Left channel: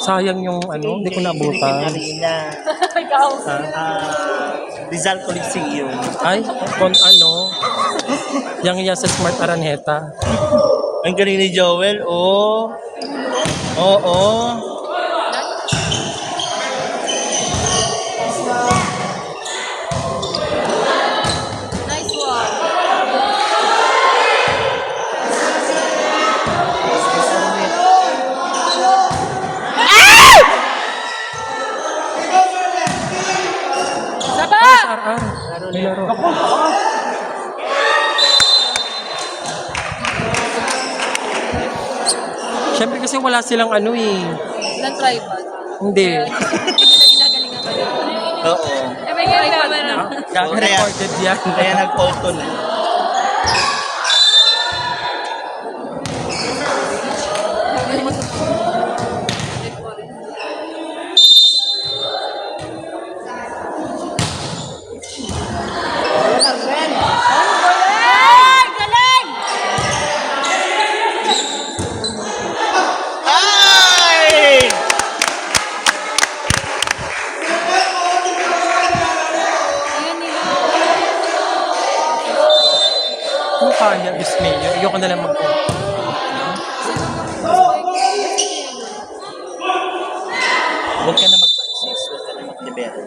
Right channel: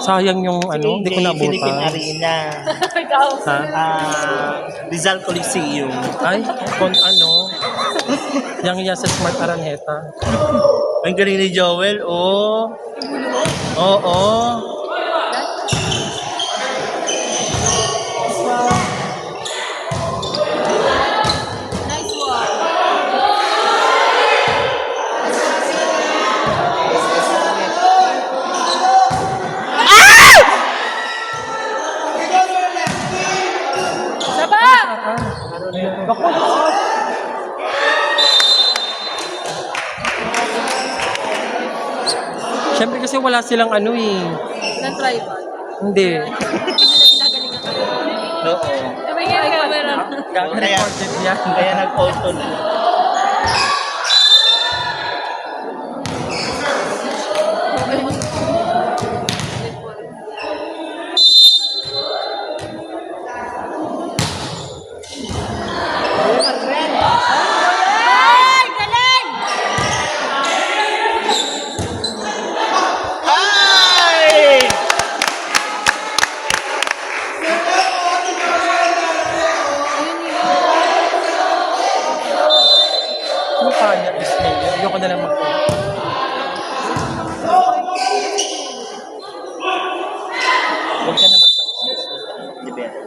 Sayang yung ano, hindi ko Philippine nabutan. Arena. Ha? Rizal Coliseum. Ay, kung ano, yang sa Smart Araneta. Ang galing ni Joel, oh. Oo. Nice one. Saba! Siyempre kasi wala silang ano eh. Ng tribal. Hindi. Hindi nila ginagalingan ka. Oo. Eh, may tribal. Recorded yan. Kaya nag-auto na. Ay, galing! Ay! Ayun nila. Ano tawag niya? Dismay. Ayoko na lang mag- Huwag ka na mag-pansist. Huwag ka na mag-libero.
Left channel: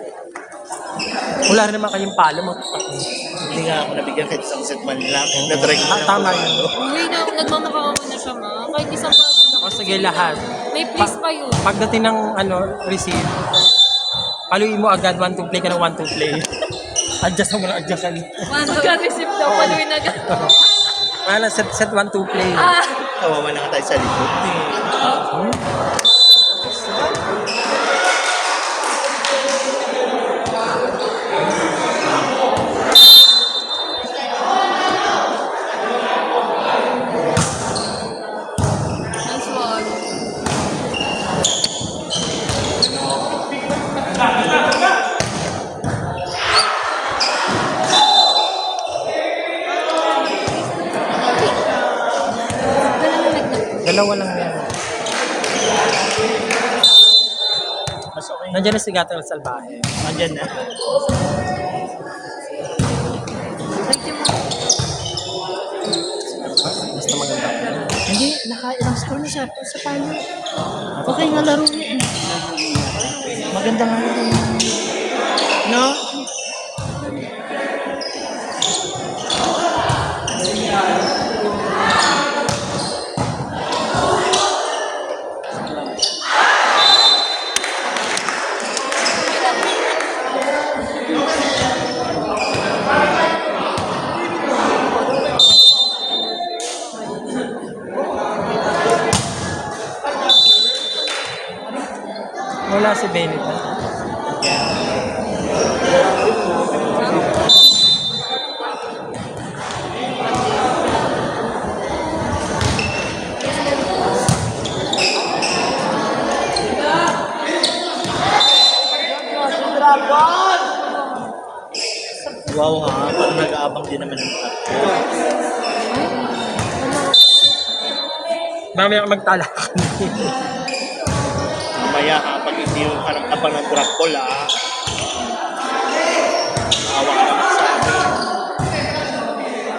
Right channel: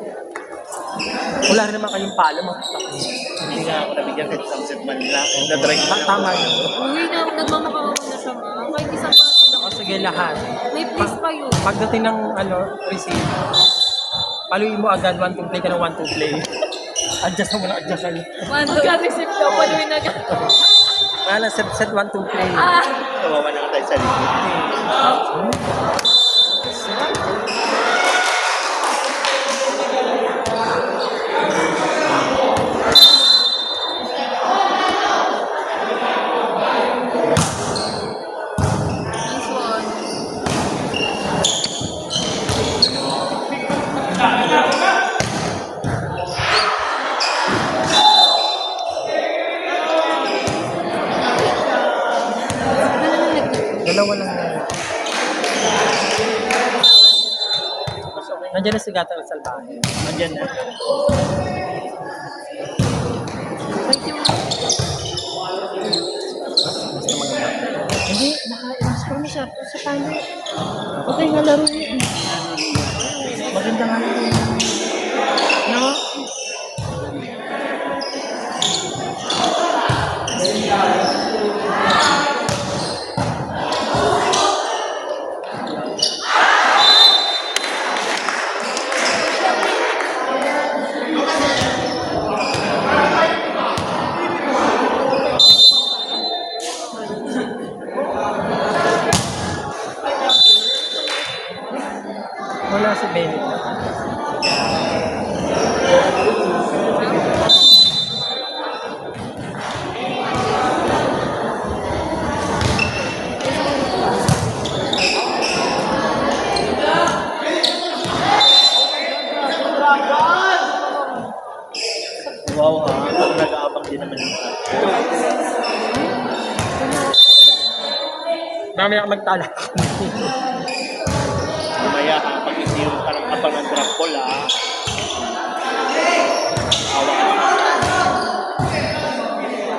Wala rin naman kayong palo mo. Hindi nga ako nabigyan kahit isang set man lang. Na-try ko na. Tama yun. Uy, nagmamapangan na siya, ma. Kahit isang O sige lahat. may place pa yun. Pagdating ng ano, receive, paluin mo agad 1 to play ka ng 1 to play. Adjust mo lang, adjust lang. Magka-receive daw, paluin na agad. Wala, set 1 to play. Kawawa na tayo sa likod. Nice one. Dalawa lang yan. Mas okay. Nandiyan na si Gato El Salvaje. Nandyan na. Basta maganda. Hindi, naka-ilang score na siya sa final. Okay nga laro niya eh. Maganda nga yun. No? Wala si Bennett. Wow, ha? Nag-aabang din naman ng Mamaya ka magtalak. Kumaya ha, pag hindi yung parang abang ng Dracula.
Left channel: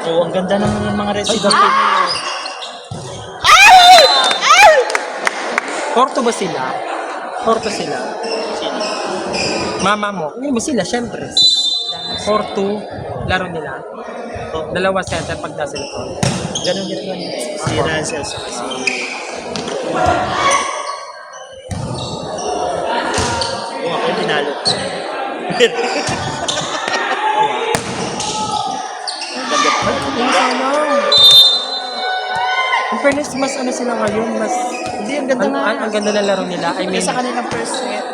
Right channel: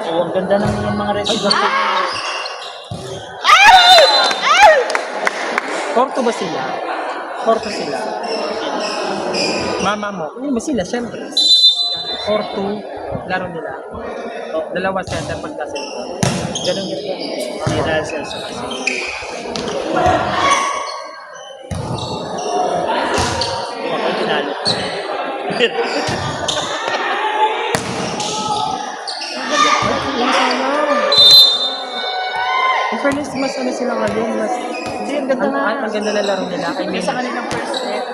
Oo, ang ganda naman yung mga residents. Porto ba sila? Porto sila. Mama mo. Hindi mo sila, syempre. Porto, laro nila. Dalawa center pag nasa likod. Ganun yun. Si Russell sa kasi. Ako tinalo. Yung sana. In fairness, mas ano sila ngayon, mas... Hindi, ang ganda na. Ang ganda na laro nila. I mean, Sa kanilang first set.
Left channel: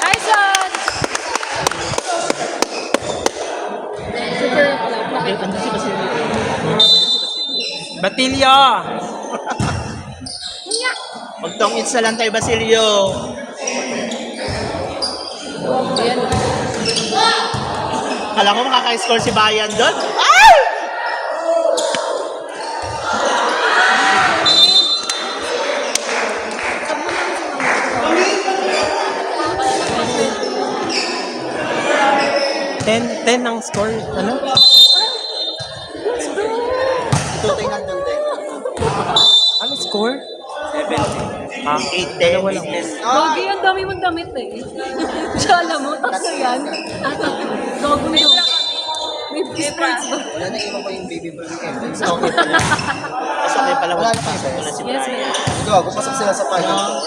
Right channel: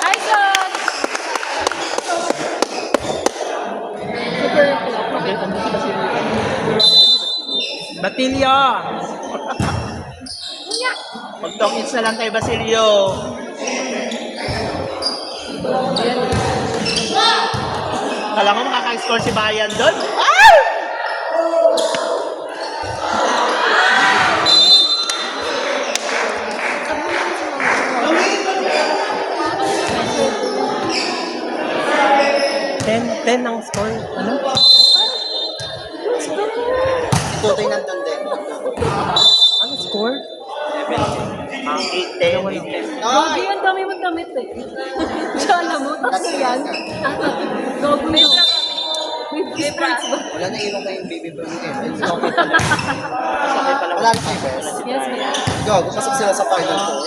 Tyson! Batilyo! Magtong-its na lang kay Basilio. Ayan. Alam mo makaka-score si Bayan doon? Ten ang score. Ano? Tutoy nandun din. Ano score? 8-10. Lagi ang dami mong damit eh. Siya alam mo, tatlo yan. Bago yun. May spirits ba? Wala na iwan ko yung baby boy eh. Sa okay pala. Sa okay pala. Wala na si Yes, ma'am. Go, pumasok sila sa final four.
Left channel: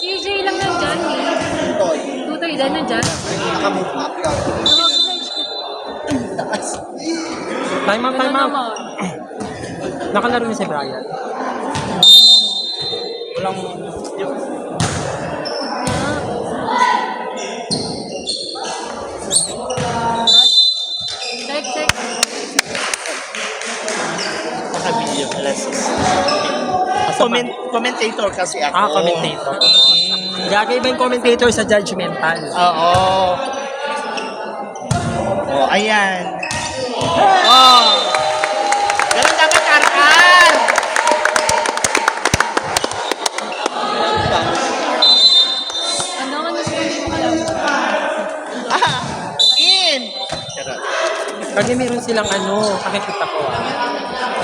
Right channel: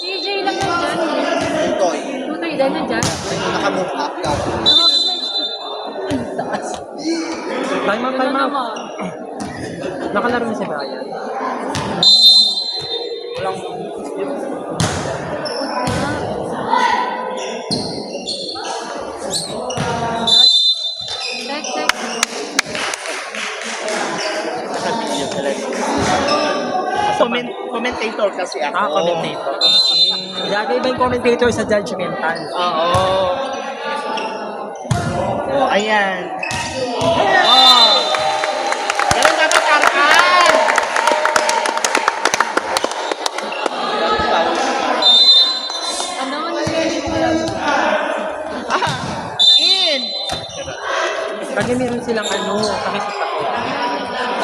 CJ lang nandyan eh. Toy. Tutoy din nandyan. Naka-move up ka. Taas. Time out, time out. Naman. Nakalaro na si Brian. Check, check. Naka-video pala commentator kasi ako. Commentator. Kaya iba yung commentator sa judgmental. Oo. Oh, ayan. Oh. Ganun dapat karkan. Ano score? In. Kasi meron silang nakikita ko.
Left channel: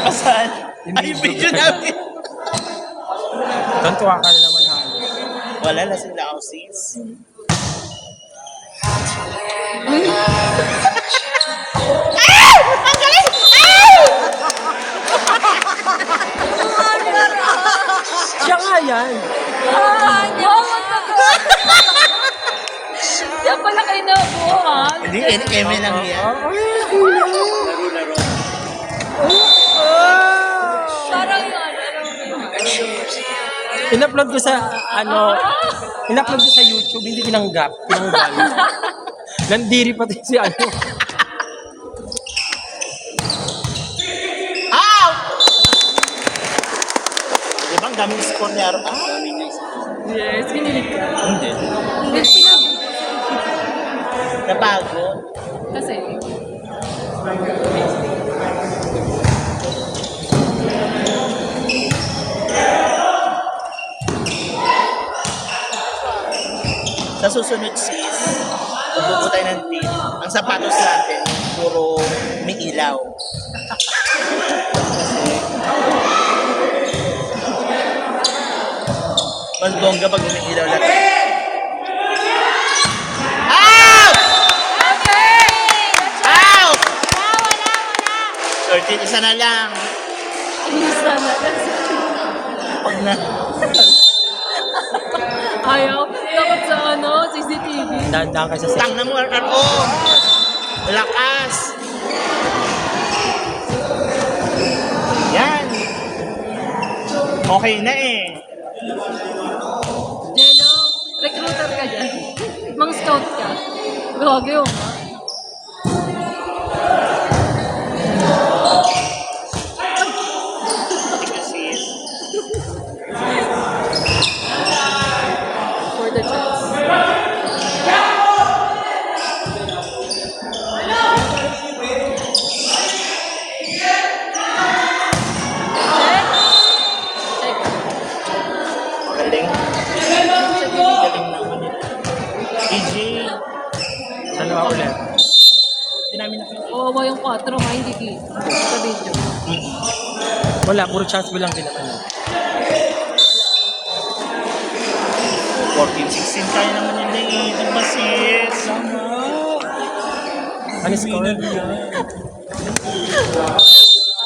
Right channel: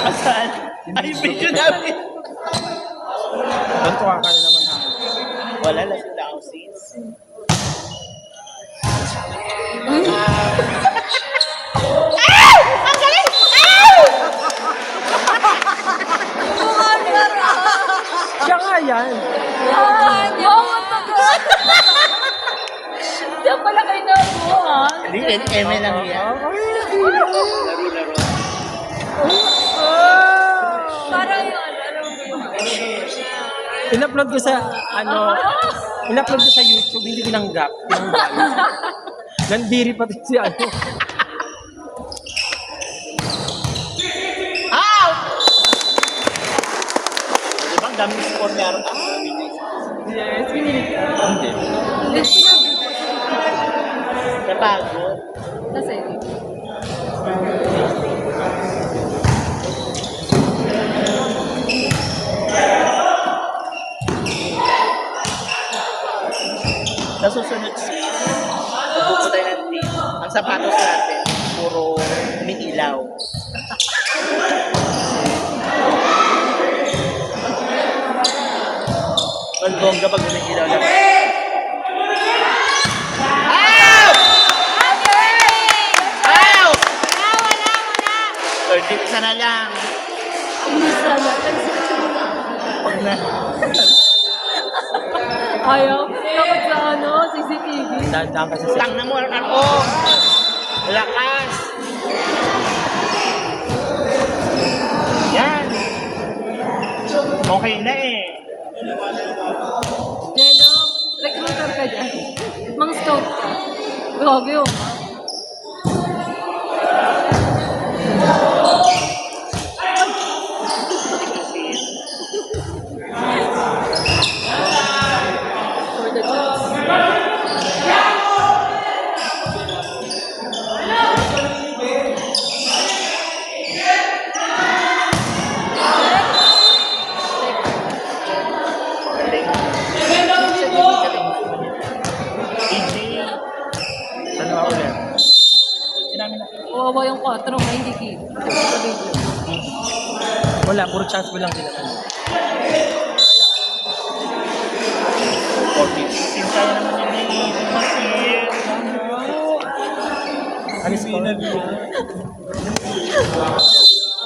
Asan? Ay, video namin. Gantuwa ka na naman. Wala na sila ako sis. Siya nga yan. Diyan pala kayo nabuhan. Hindi, eme lang yan. Parang yun, ano yung In-upload ko sa, in-upload ko sa YouTube, hindi tinanggap. Tinanggal. Nandiri pati si Ow! Diba ang daming score na yaro? Yes, kinilig ka. Hindi. Kapagod. Kasi, Sa susunod sis, pupunta tayo ng team. Ang sapatos natin, puro may ilaw. Mas bongga pag may ilaw lang. Out! Out! Wala! 13 isa na lang. ayaw. Dapat sa CCTV. Dahan-dahan ka sa Tang na mo ako. Lakas. Yan. Okay na eh. Jello, recruiter ka dyan. Mang scout ka. Gagi yun. Sis. For the jobs. Galing. PJ. dalawa ulit. Hindi namin nakita. Kawawa yung 4, ha? Hindi kita. Sa video. Wala, puro chance mo lang sila. 14-16 kaya naman yun eh. Diba sis? Ano score?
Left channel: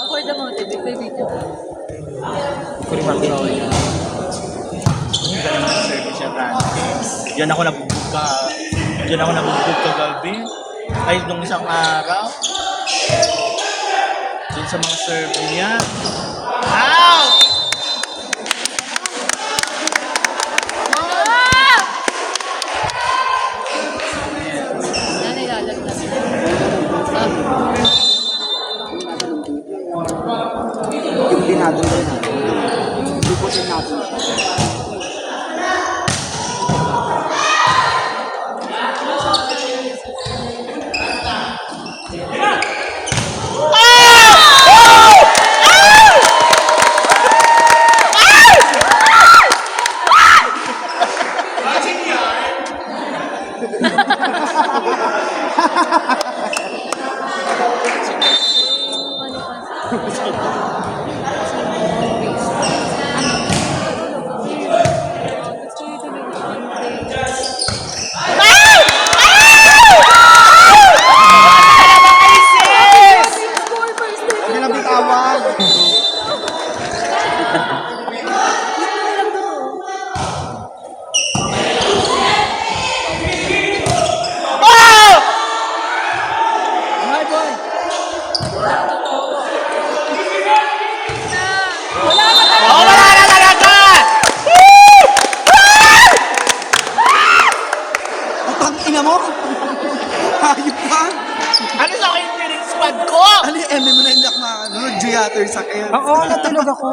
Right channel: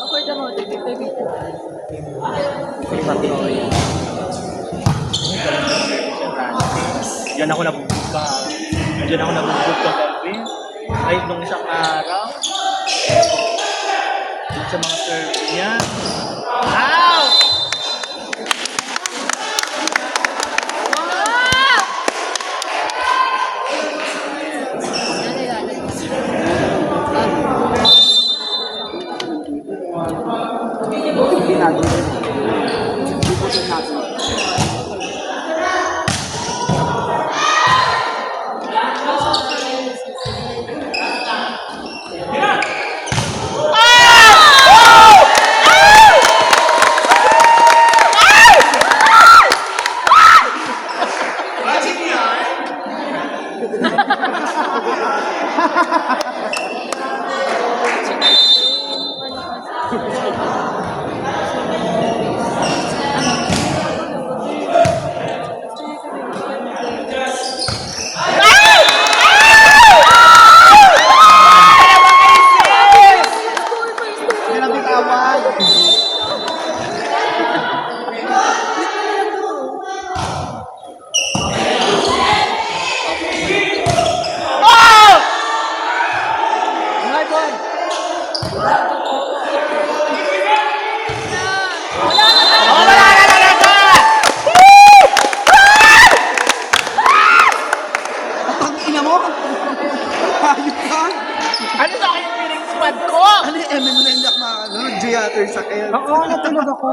For the motivate, the video. Service yan natin. Diyan ako nabugbog ka. Diyan ako nabugbog kagabi. Ay, nung isang araw. Diyan sa mga serve niya. Out! Ano ilalagay? Wala na talaga! Ang ina mo? Hayop ka? Ano sa akin yung feeling squad ko? Ano yung eme mo na hindi ako makakano? Giater sa kayo. Oo, natulog ako.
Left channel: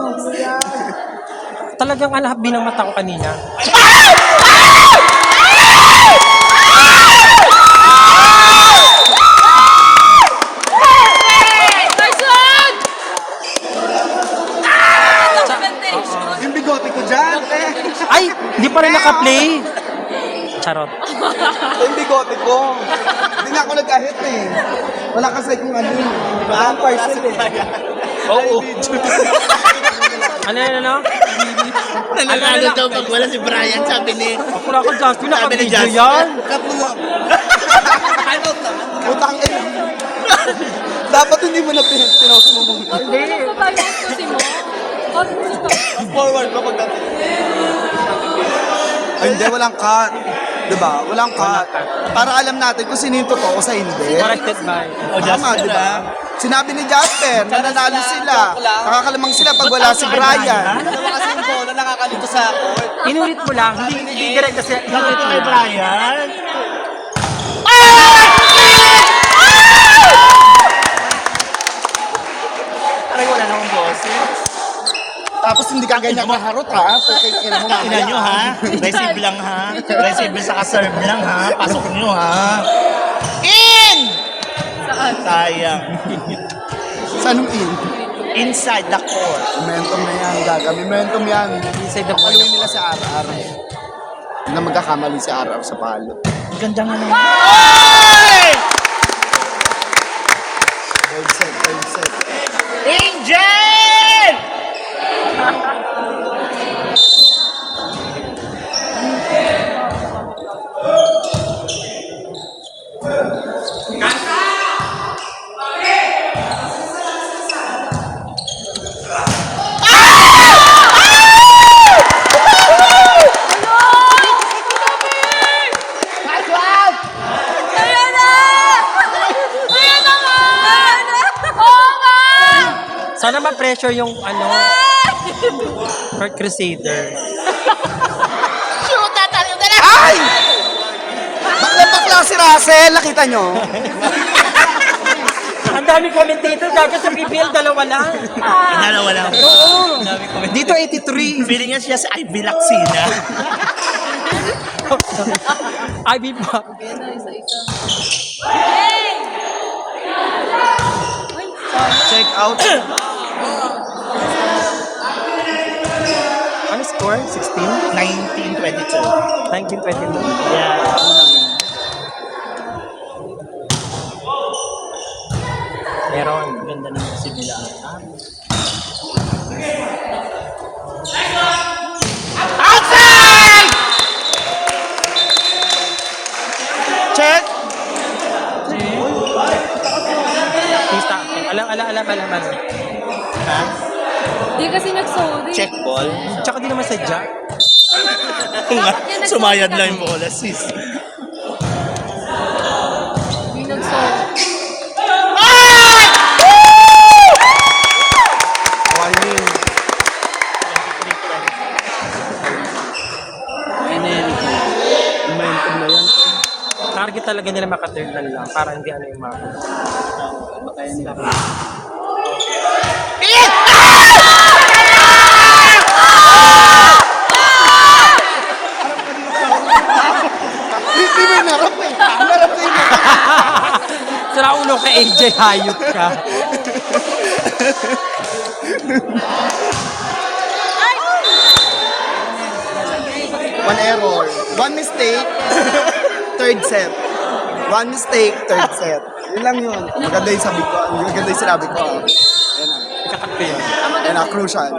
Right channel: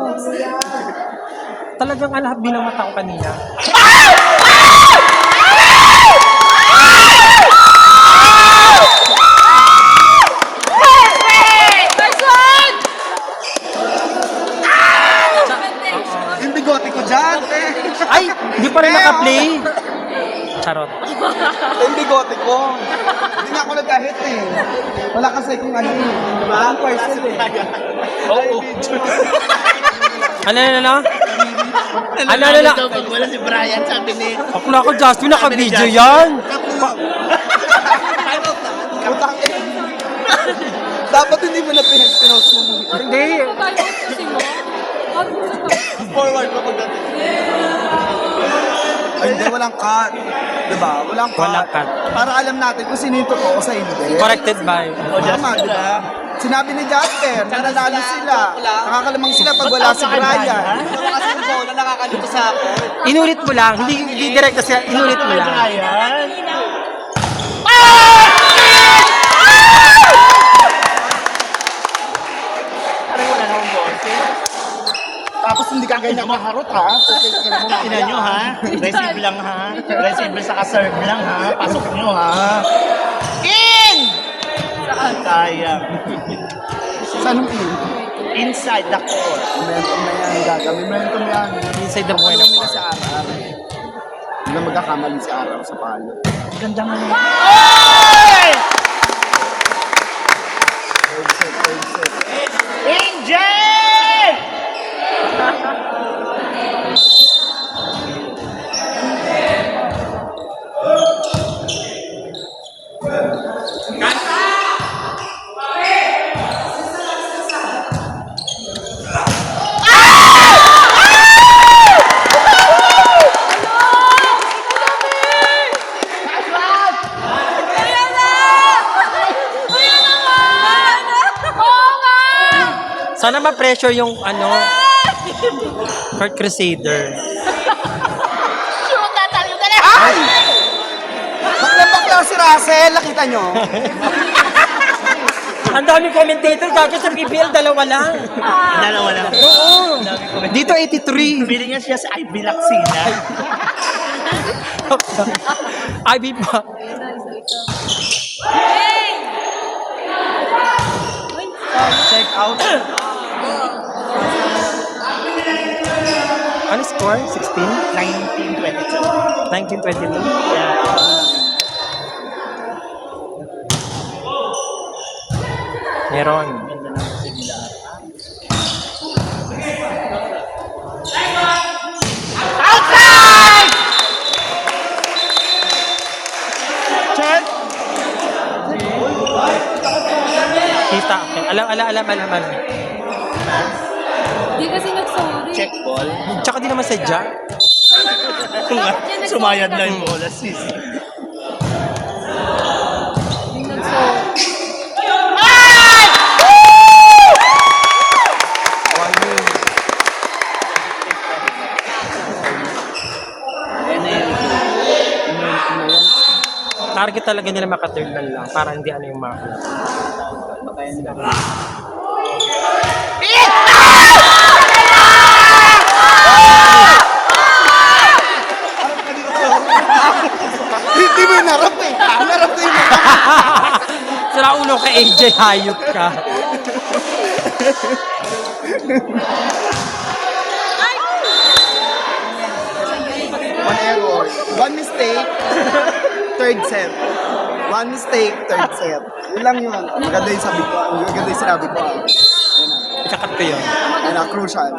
Talagang binamata ko kanina. Tyson! Yung bigote ko dyan. Ay, hindi pa rin naka-play. Charot. Yung bigote ko. Hindi nga ako nag-ahit eh. Wala kasi kung ano eh. Diba? Ang parcel eh. Oo. Ano? Nalala daw pag wala si Brian, sabi ni... Ako na ako, Justin, Sabi ni naka-video Justin. yan. Utang eh. Dapat hindi mo na pinost mo mong Hindi. Kasi mo? forward mo pag hindi, walang cut. Diba? Walang cut. Walang cut. Para alam natin kung sino yung totoo sa hindi. Corrected by. O, just Tama, diba? Sinabi ni Jasper, nananalo sila. Nakakalamang sila pag wala si Brian. Kasi ni Bola nakakalito sa ako. Inulit mo lang. Hindi direct kasi inulit mo lang. Brian? Parang wala nang boses. Tapos hindi ka ganyan maharot ha. Okay, ina mo Ina nyo ha? Receive lang ha? Receive sa serve lang ha? Pasok nyo ha? In! Sayang. Saan yung in? Inside the court. Momentum na yan, gaga. May momentum yan. Inside the ball. Paluin nila si Araw. Hindi na magkakamali si Araw sa palo. Ganda nga nila. Third set, third set. Angel! Ayan na! Ayan na nga! Ayan na! Oo nga! Sana ma-pressure yung Court Crusader. Shoot na tayo na lang! Ay! Bakla si Russell, nakita nyo? Ang daming commentator dati sa PBL, dalawa lang. Dalawa lang. Oo. Dito 83. Feeling niya siya sa Ivy Laxina. Ivy pa. Ayan na, isa-isa. Hey! Ay, Check out. Ano score? 16? 1922. 1922? Yeah. Meron. Ganda ng kasi nila. Outside! Check! Kita. Alam. di kasi nag-sorry. Check ball. Tsaka di naman sadya. Sumayad na yung bola, sis. Di nag-sorry. Target talaga nila maka-third man lang para hindi yung mako. Hindi mo narap eh. Narap ko yung Sira ulo ka AJ, hayop ka. one error. One mistake, third set. One mistake, third set. Yun lang yun. Maganda yung sabi ko. Maganda yung sinabi ko. Ayan na. Ikakat ko yun. Ayan na, crucial.